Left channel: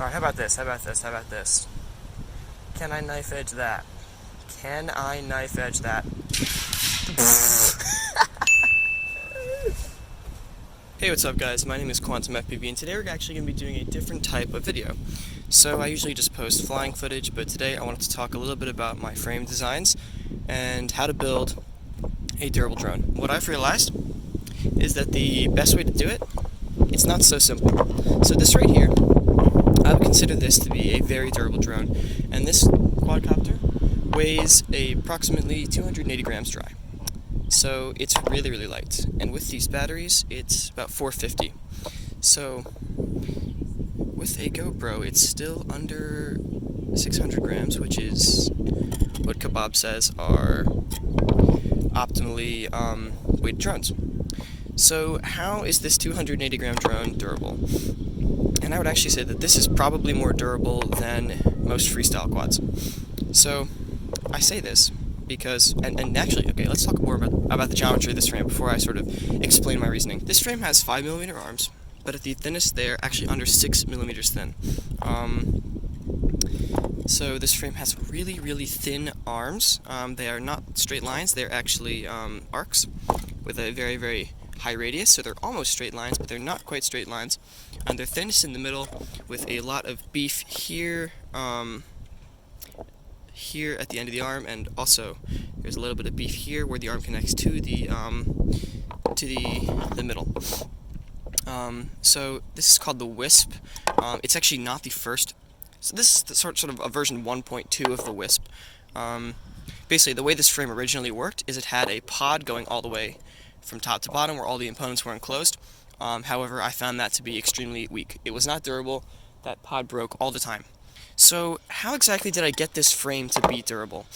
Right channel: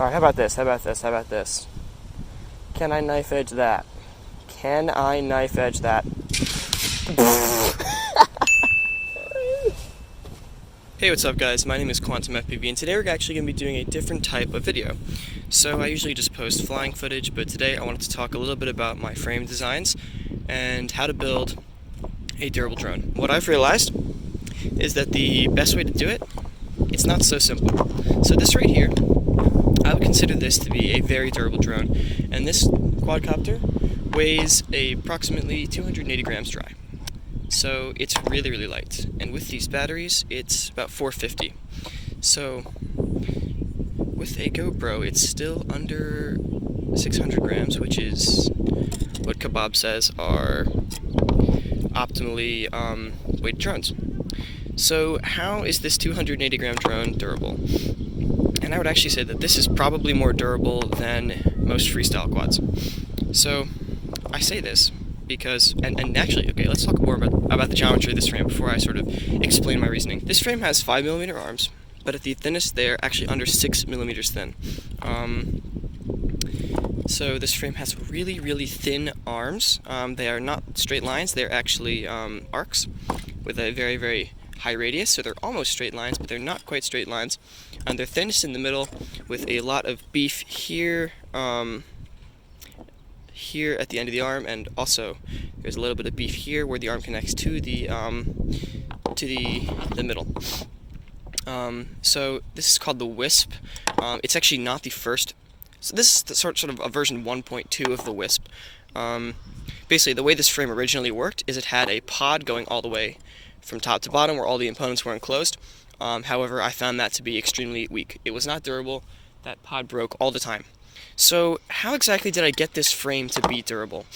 Alright, how about this? Can I knife edge that? Can I knife edge that? Hey, what's up guys? My name is Quantum FPV, and today we're actually going to be doing a different type of video. So I usually just post flying footage, but today I wanted to talk a little bit about my frame designs and how to build a durable drone. What I've realized is that the best way to do it, it's not so simple. So this right here, I would consider this to be a very durable drone, and this quadcopter weighs approximately 280 grams dry. So it's really, really light, and with these batteries, it's about 450. So with a GoPro, it's still under 600 grams, which is what Kebab says are optimally weighted drones. So how is this 280 gram drone durable? And I would actually say that this is probably more durable than most freestyle quads. So I say this because, and actually, okay, let's talk more about the geometry of this frame before I sort of explain my reasoning. This frame has 5mm arms, but at the thinnest they're actually under 6mm thin. So this frame has really, really thin arms. They are not straight lines, they're actually arcs with a very, very high radius, so they're almost straight lines, but they're not quite straight lines. And they're thinnest in the middle with a lot of beef here, here at the end of the arm, and also there's a little bit of beef here where the arm connects to the middle. So this is called the Wisp. It's actually not the first. So this is the sort of a version 1.2 of the Wisp. Basically, the way this frame originally worked is it had a pod going all the way from top to bottom where all the components were enclosed. However, I found that to be extremely weak. It was not durable. That pod broke all the time. So how exactly did I get this frame to be durable?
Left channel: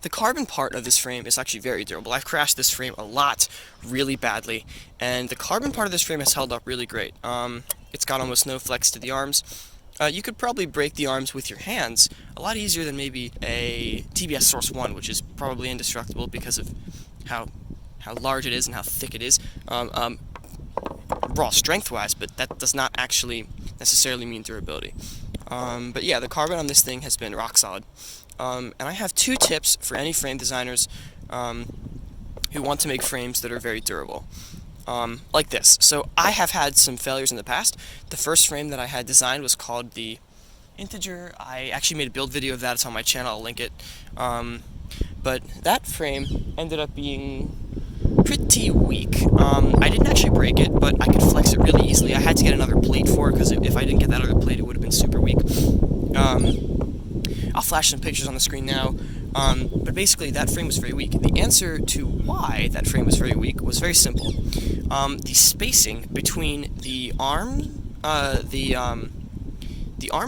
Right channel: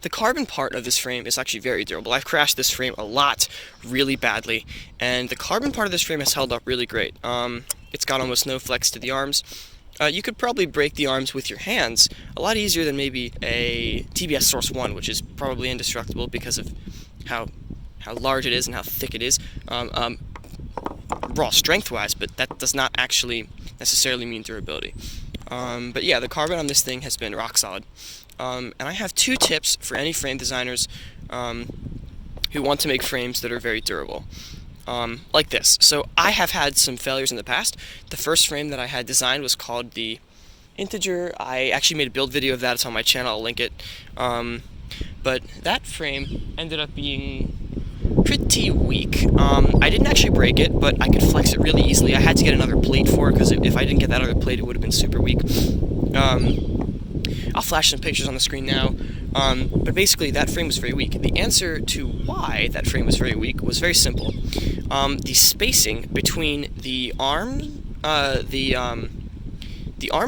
The carbon part of this frame is actually very durable. I've crashed this frame a lot, really badly, and the carbon part of this frame has held up really great. It's got almost no flex to the arms. You could probably break the arms with your hands a lot easier than maybe a TBS Source 1, which is probably indestructible because of how large it is and how thick it is, raw strength-wise, but that does not actually necessarily mean durability. But yeah, the carbon on this thing has been rock solid. And I have two tips for any frame designers who want to make frames that are very durable. Like this. So I have had some failures in the past. The first frame that I had designed was called the Integer. I actually made a build video of that. It's on my channel. I'll link it. But that frame ended up being pretty weak. I didn't actually break it, but I could flex it really easily. I had to get another plate for it, because if I didn't get that other plate, it would have been super weak. I'll flash some pictures on the screen now. But basically, that frame was very weak. The answer to why that frame was very weak was very simple. The spacing between the arm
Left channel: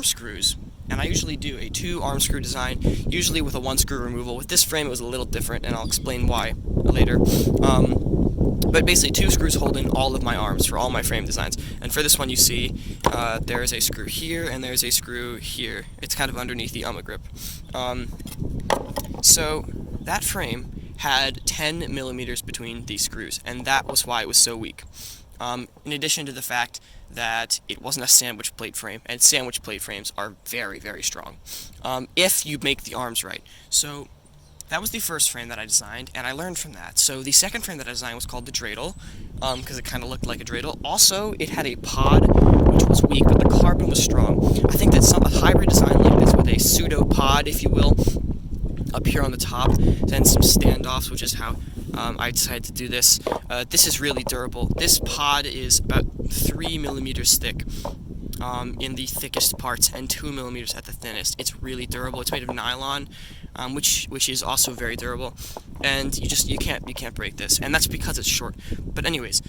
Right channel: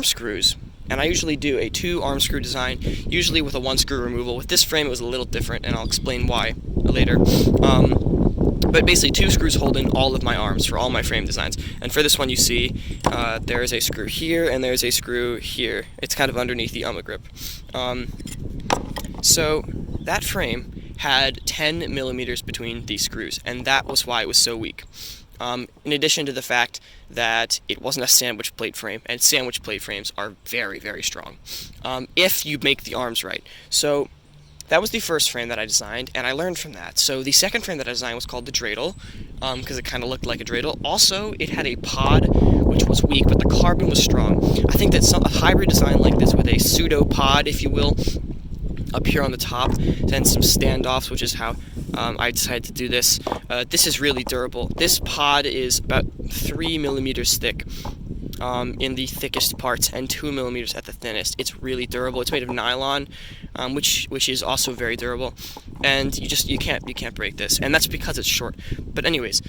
screws, and I usually do a 2 arm screw design, usually with a 1 screw removal. With this frame, it was a little different, and I'll explain why later. But basically, 2 screws hold in all of my arms for all my frame designs. And for this one, you see there is a screw here, and there's a screw here. It's kind of underneath the grip. So that frame had 10 millimeters between these screws, and that was why it was so weak. In addition to the fact that it wasn't a sandwich plate frame, and sandwich plate frames are very, very strong if you make the arms right. So that was the first frame that I designed, and I learned from that. So the second frame that I designed was called the Dreidel, because it kind of looked like a dreidel. Also, it had a pod, which was weak, but the carbon was strong. I think that a hybrid design like this with a pseudo pod, if you will, up here on the top, then some standoffs, which is how I decided to do this. This is really durable. This pod is about 3 millimeters thick in the thickest parts, and 2 millimeters at the thinnest. It's really durable. It's made of nylon, which is also very durable, and you can't break this, and that's because it's short. But anyways,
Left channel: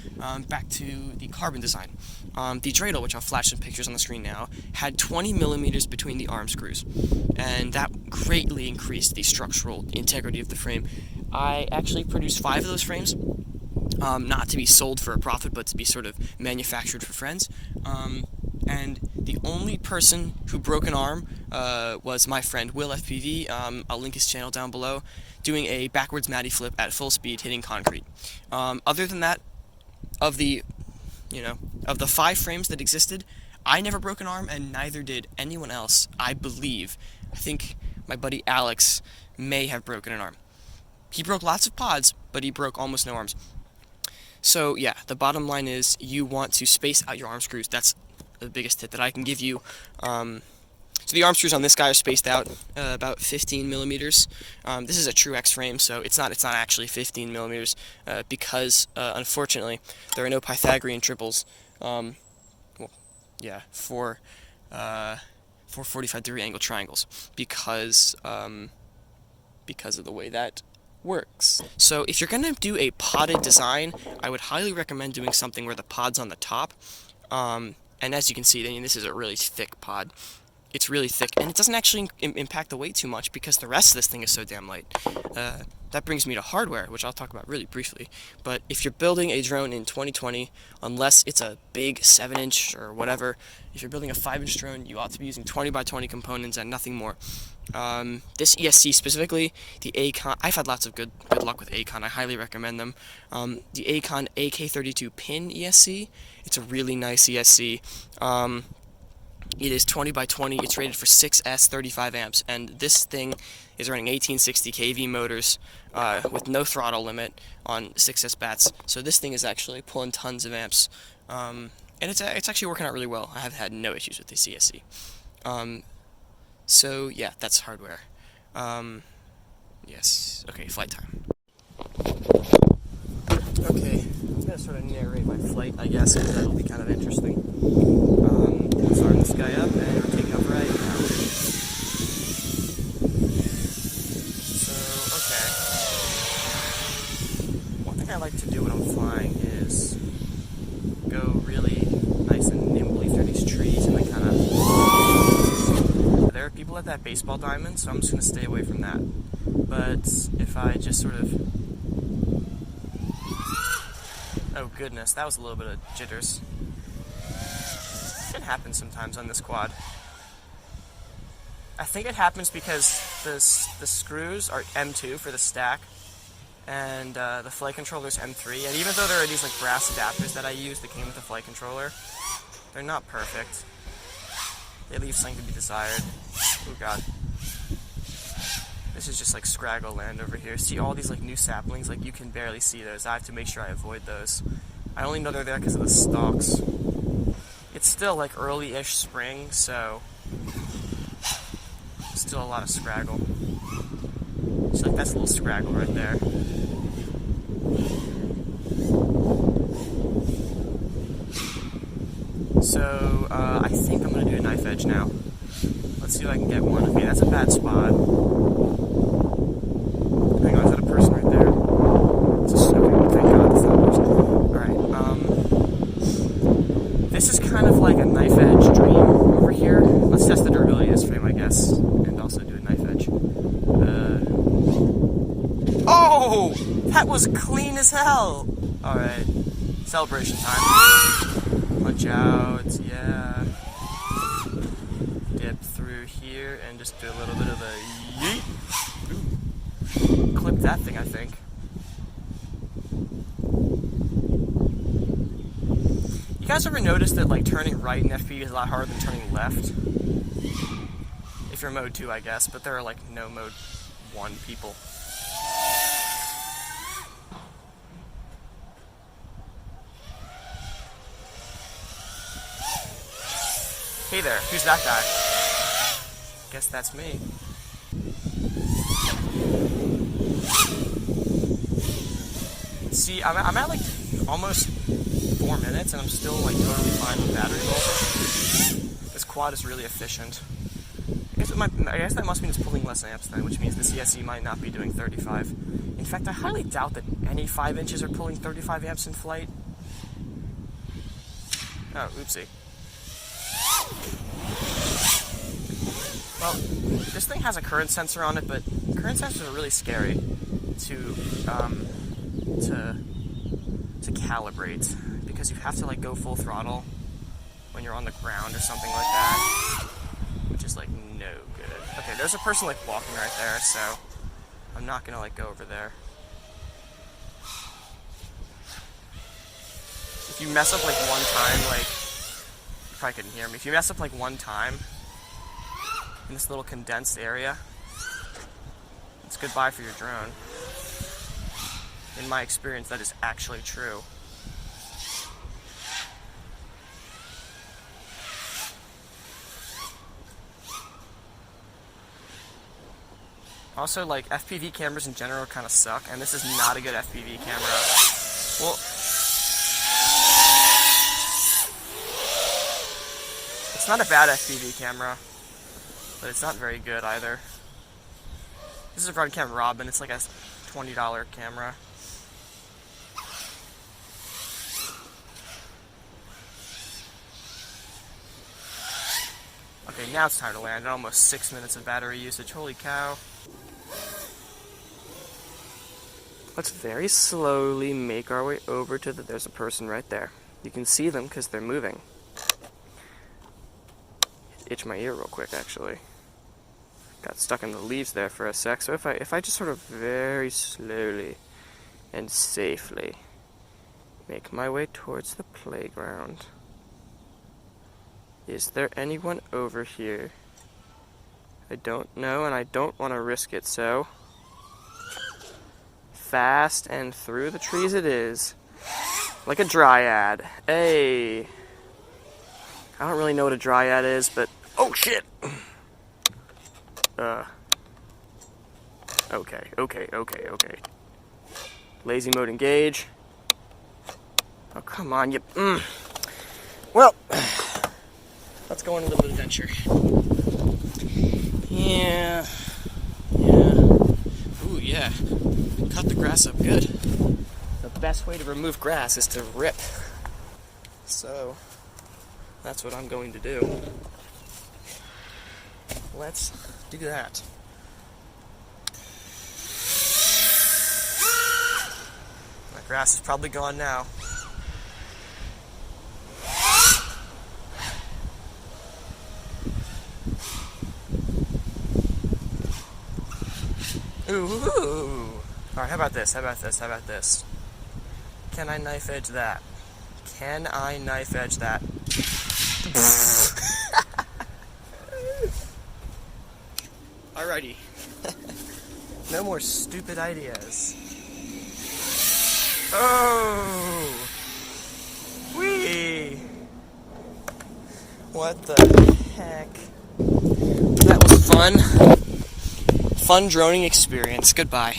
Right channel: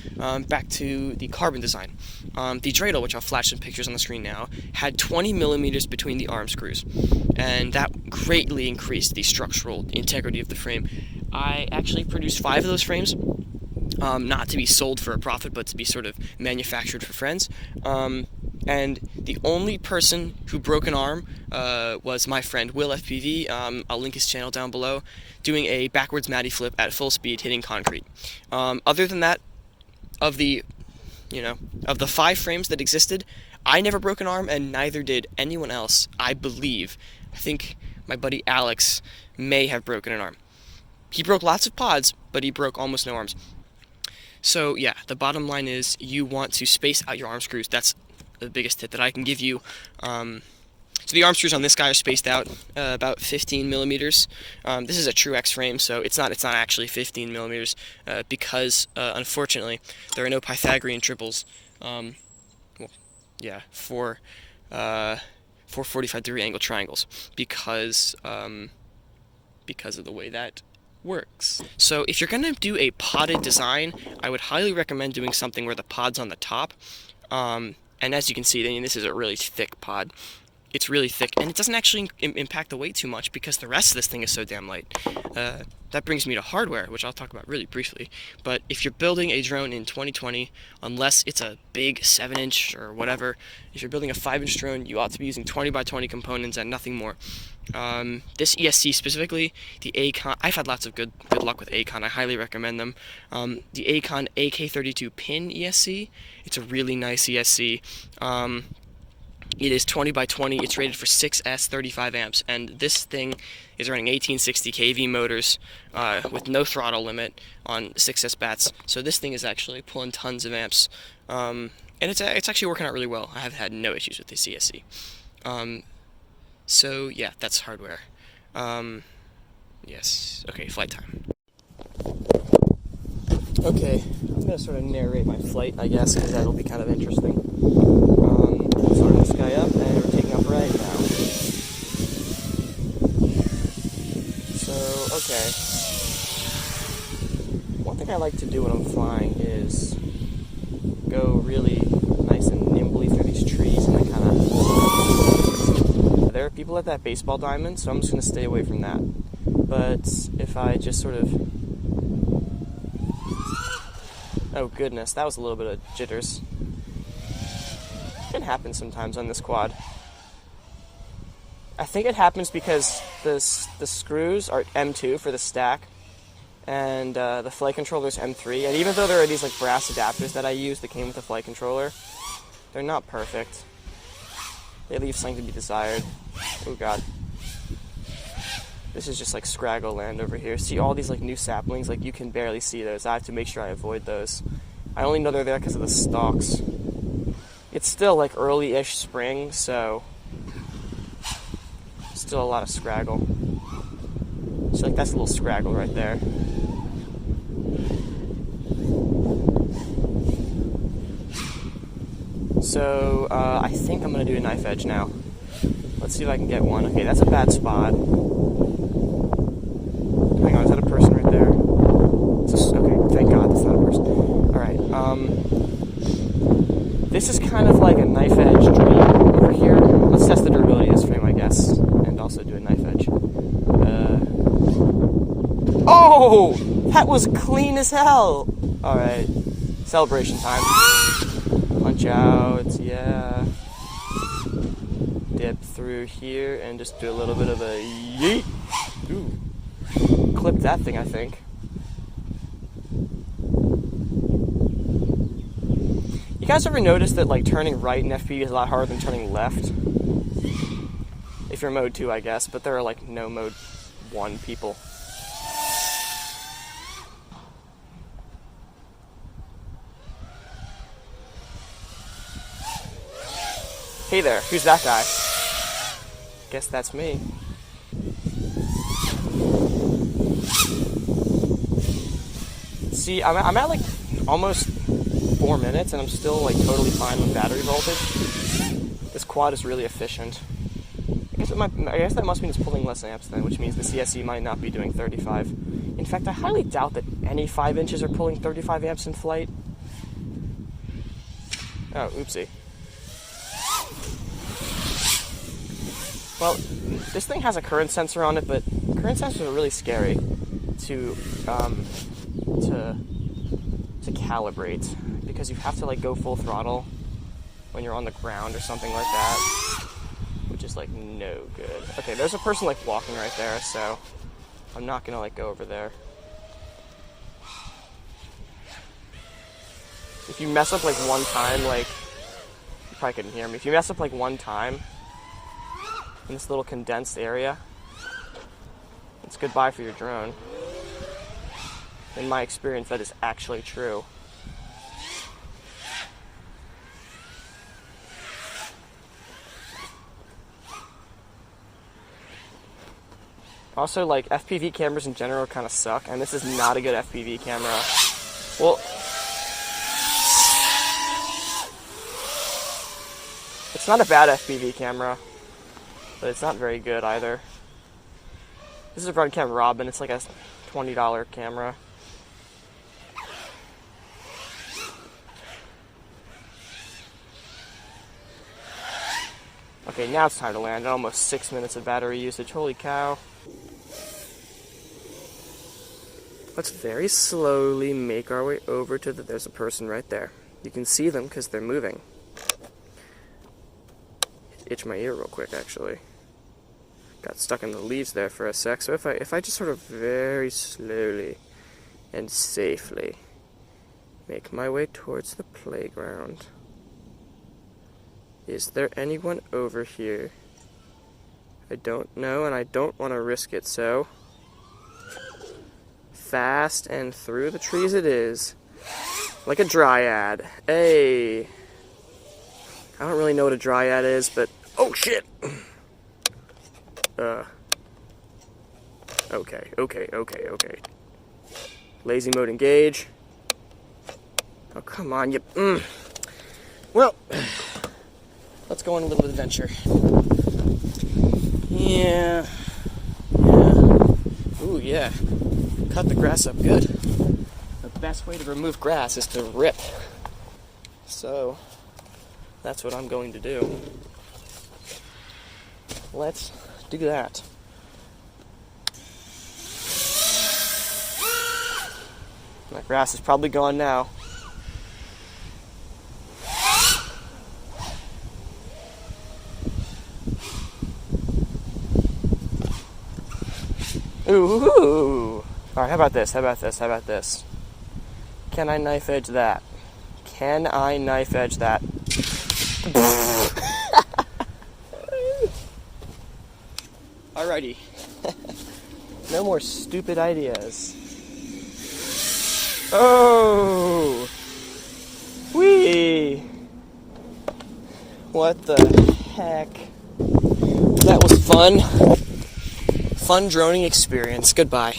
back to the carbon design. The Dreidel, which I'll flash some pictures on the screen now, had 20 millimeters between the arm screws, and that greatly increased the structural integrity of the frame. I actually produced 5 of those frames, not to be sold for a profit, but to be sort of manufactured for friends. And the only person who broke an arm was my friend Will FPV. I'll link his channel down below, doing a backwards Matty flip at full speed hitting concrete. Other than that, of the 5 frames that existed, I never broke an arm, and neither did anyone else, I believe. I think my buddy Alex may have broken an arm. He broke lots of pods, but he broke almost no arms. So yeah, the bottom line is you want to space out your arm screws. That's the biggest tip that I can give you. So the arm screws on this guy are spaced out about 15 millimeters. This is a true X frame, so it's not actually 15 millimeters because unfortunately there are no Pythagorean triples. For 45-degree angle triangles because of the way that works. So if you're gonna do a podded design, I would highly recommend doing something where the pod's on the top. And as you can see, this is a really thick pod. It's really thick, and it doesn't actually impact the weight too much because the rest of this thing is so damn light. That brings me to hardware, which I'll talk about really briefly. But if you're building a drone in 2020, unless it's a big 7-inch or whatever, if you're building a 5-inch drone, you ought to be using 20 by 20 components and nothing more. This ESC specifically, the Acon, I've had lots of good luck with Acon. I highly recommend them. The Acon AK32 pin ESC, it's a really nice ESC. It is 20 by 20. It's rated for 6S 35 amps, and this thing is running 1860 kV motors with no throttle limit on 6S bats. So this thing is actually pulling tons of amps, and it's actually working out really well. I have had no issues with this ESC. So yeah, that's hardware. Yes. Okay, flight time. Okay, I'm gonna sort of narrate my flight, I guess, because that'll be kind of interesting. Start this guy up, and we're taking off right now. So, okay. One thing I like to do when I'm flying is go really nice and nimbly through these trees and then kind of... There are people at that baseball diamond, so I'm just going to stay away from that. But if I just sort of... Oh goodness, that was a little bit of jitters. It happens sometimes on this quad. I think it happens because the screws are M2 for the stack, and the flight controller is M3. And even though there are these like brass adapters that I use that came with the flight controller, they're not perfect. They leave something to be desired. Oh god. This is just like Scraggle land over here. See all these like new saplings? Like you can barely see those. I have to make sure I avoid those. I only know they're there because of the stalks. It's still like early-ish spring, so still a lot of Scraggle. So like that's a little Scraggle right there. So I think I'm gonna do a knife edge now. Let's see if I can get one. Okay, that's a bad spot. Hang on, is that a person right there? Thank God that's not a person. Alright, this is kind of like a knife edge dream over here. Let's test the durability of this frame, I guess, and also do a knife edge. Oh! That was clean as hell! Alright, celebration time. Punch out, yeah. Dip through here and just do a little bit of a yeet. Ooh. Clip that thing, I think. You guys ever notice that like turning right in FP is a lot harder than turning left? If you're mode 2, I guess, but there are like no mode 1 people. Hey there, who's that guy? Guess that's me. See, I'm at like almost 4 minutes and I'm still like totally fine with battery voltage. This quad is really efficient. I guess that must mean it's pulling less amps then, which means the CSE might not be doing 35. In fact, I highly doubt that any 5 inches are pulling 35 amps in flight. Oh, oopsie. Well, this thing has a current sensor on it, but current sensors are really scary to calibrate because you have to like go full throttle when you're on the ground or something like that, which is like no good. Okay, there's a person like walking right there, so I'm not gonna like go over there. If you mess up like one time, like probably couldn't hear me. If you mess up like one time in this little condensed area, it's goodbye for your drone. In my experience, that is actually true. Also, like, FPV cameras in general kind of suck, and this is not a good FPV camera. Well, it's not a bad FPV camera, but it's not very good either. This is a Runcam Robin. It's like a $20 camera. Okay, now it's time to land. Almost 6 minutes of battery usage. Holy cow. Let's very slowly make our way over to there's a person right there. You can see them because they're moving. Itch my ear real quick, actually. Got stuck in the leaves there for a sec. So if I just sort of very slowly and safely make my way towards the playground. Is there anyone over here? I don't know, and I don't want to risk it, so fast and through the trees it is. Like a dryad. Hey! I don't really know what a dryad is, but oh shit! Okay. Lazy mode engage. Oh, come on, you... Well, let's go on a little adventure. Yeah. Ooh, yeah. Cut the grass up good. The best way to remove grass is to rip. So, that's what I'm going to do. Let's do that. The grass is probably gone now. Ooh! Alright, how about this? Can I knife edge that? Alrighty. No more stupid ideas. Oh! Whee! What the heck? That was fun. Fun droning experience. Goodbye.